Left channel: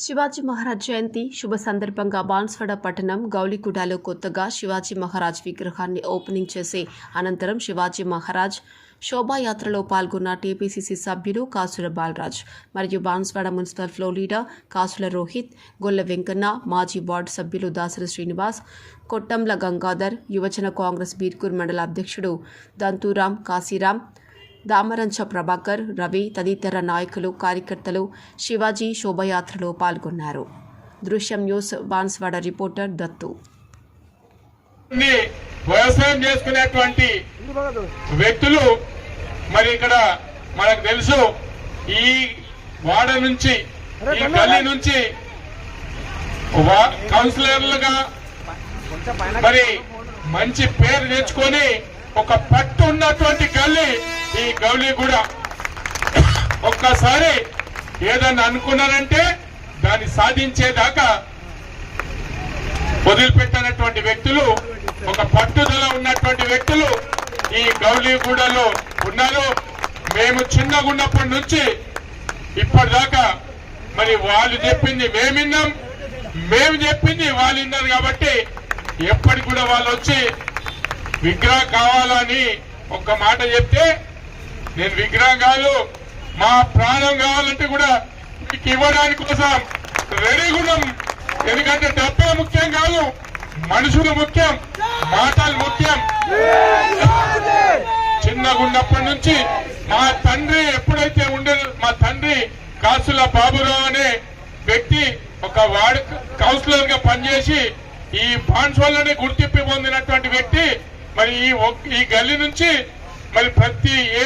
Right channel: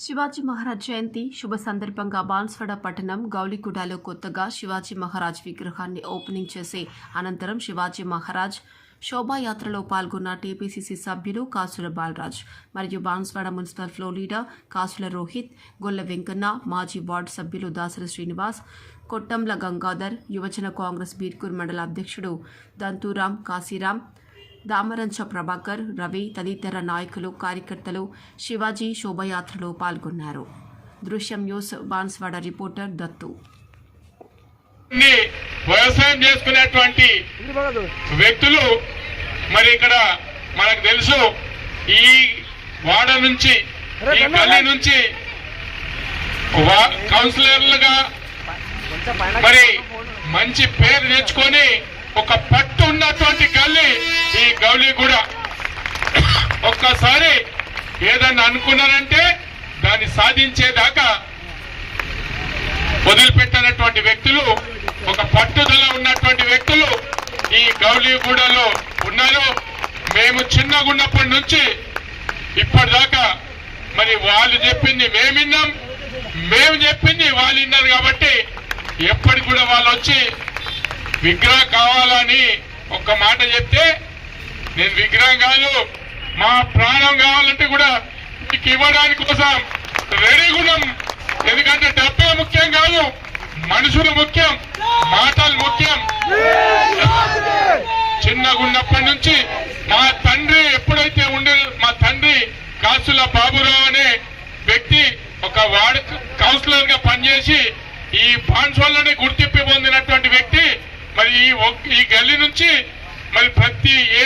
శివాజీ మహారాజ్ జయంతి శుభ సందర్భంగా బాన్స్వాడ పట్టణం గౌలిగూడలో కొత్తగా శివాజీ మహారాజ్ విగ్రహాన్ని ఓపెనింగ్ చేసి అనంతరం శివాజీ మహారాజ్ శోభాయాత్రలో పాల్గొన్న టీపీసీసీ సభ్యులు కాసుల బాలరాజ్ మరియు బాన్స్వాడ మున్సిపల్ ఫ్లో లీడర్ కాసుల రోహిత్ గొల్ల వెంకన్న మాజీ వార్డు సభ్యులు దాసరి శ్రీనివాస్ కొట్టంల గంగాధర్ యువజన కాంగ్రెస్ బీర్కూర్ మండల అధ్యక్షుడు దంతూరాం కాశీరాం దామరంచ ప్రభాకర్ రవి తదితర నాయకులు కార్యకర్తలు శివాజీ శోభయాత్రలో పాల్గొన్నారు. దృశ్యం న్యూస్ బాన్స్వాడ రిపోర్టర్ దత్తు. వ్యవసాయం చేసుకునేటువంటి వ్యక్తులు మరి ఇక్కడ మనకు తెలుసు ఈ వాడ నుంచి ఈ గల్లీ నుంచి కౌన్సిలర్లుగా మరి మంచి పేరు తెచ్చుకొని ఒక పట్టు ఉన్నటువంటి గల్లీ మీ గౌలి కూడా ఒక్కసారి ఏదన్నా అనుకున్నారంటే దాన్ని సాధించేదాకా వదిలిపెట్టినటువంటి వ్యక్తులు ఒక పట్టుదల ఉన్నటువంటి వ్యక్తులు ఈ గౌలీగూడలో ఉన్నారు. మేము చిన్నగా ఉన్నప్పటి నుంచి ఇప్పటిదాకా మరి వాళ్ళు చెప్పింది మేము విన్నాం. మేము చెప్పింది వాళ్ళు విన్నారు కాబట్టి ఎప్పటికి కూడా వాళ్ళు వచ్చి విగ్రహం కావాలని ఒక్క మాట చెప్తే నేను విగ్రహం కాదు మా ప్రాణం కావాలంటే కూడా మీకు ఇవ్వడానికి కోసం రెడీగా ఉన్నాం. ఎందుకంటే డబ్బే ముఖ్యం కాదు మనుషులు ముఖ్యం మాటలు ముఖ్యం. చిన్నగా ఉన్నప్పటి నుంచి మా తండ్రి ఎప్పుడైతే ఉండే మా తండ్రి కాసుల బాబురావు అనే వ్యక్తి ఒక వార్డు కౌన్సిలర్గా పనిచేసి ఈ బాన్సోల్లోనే గుర్తింపు పొందినటువంటి వ్యక్తి మరి ఈ ఒక్- ఈ గల్లీ నుంచి మరి ప్రతి ఏ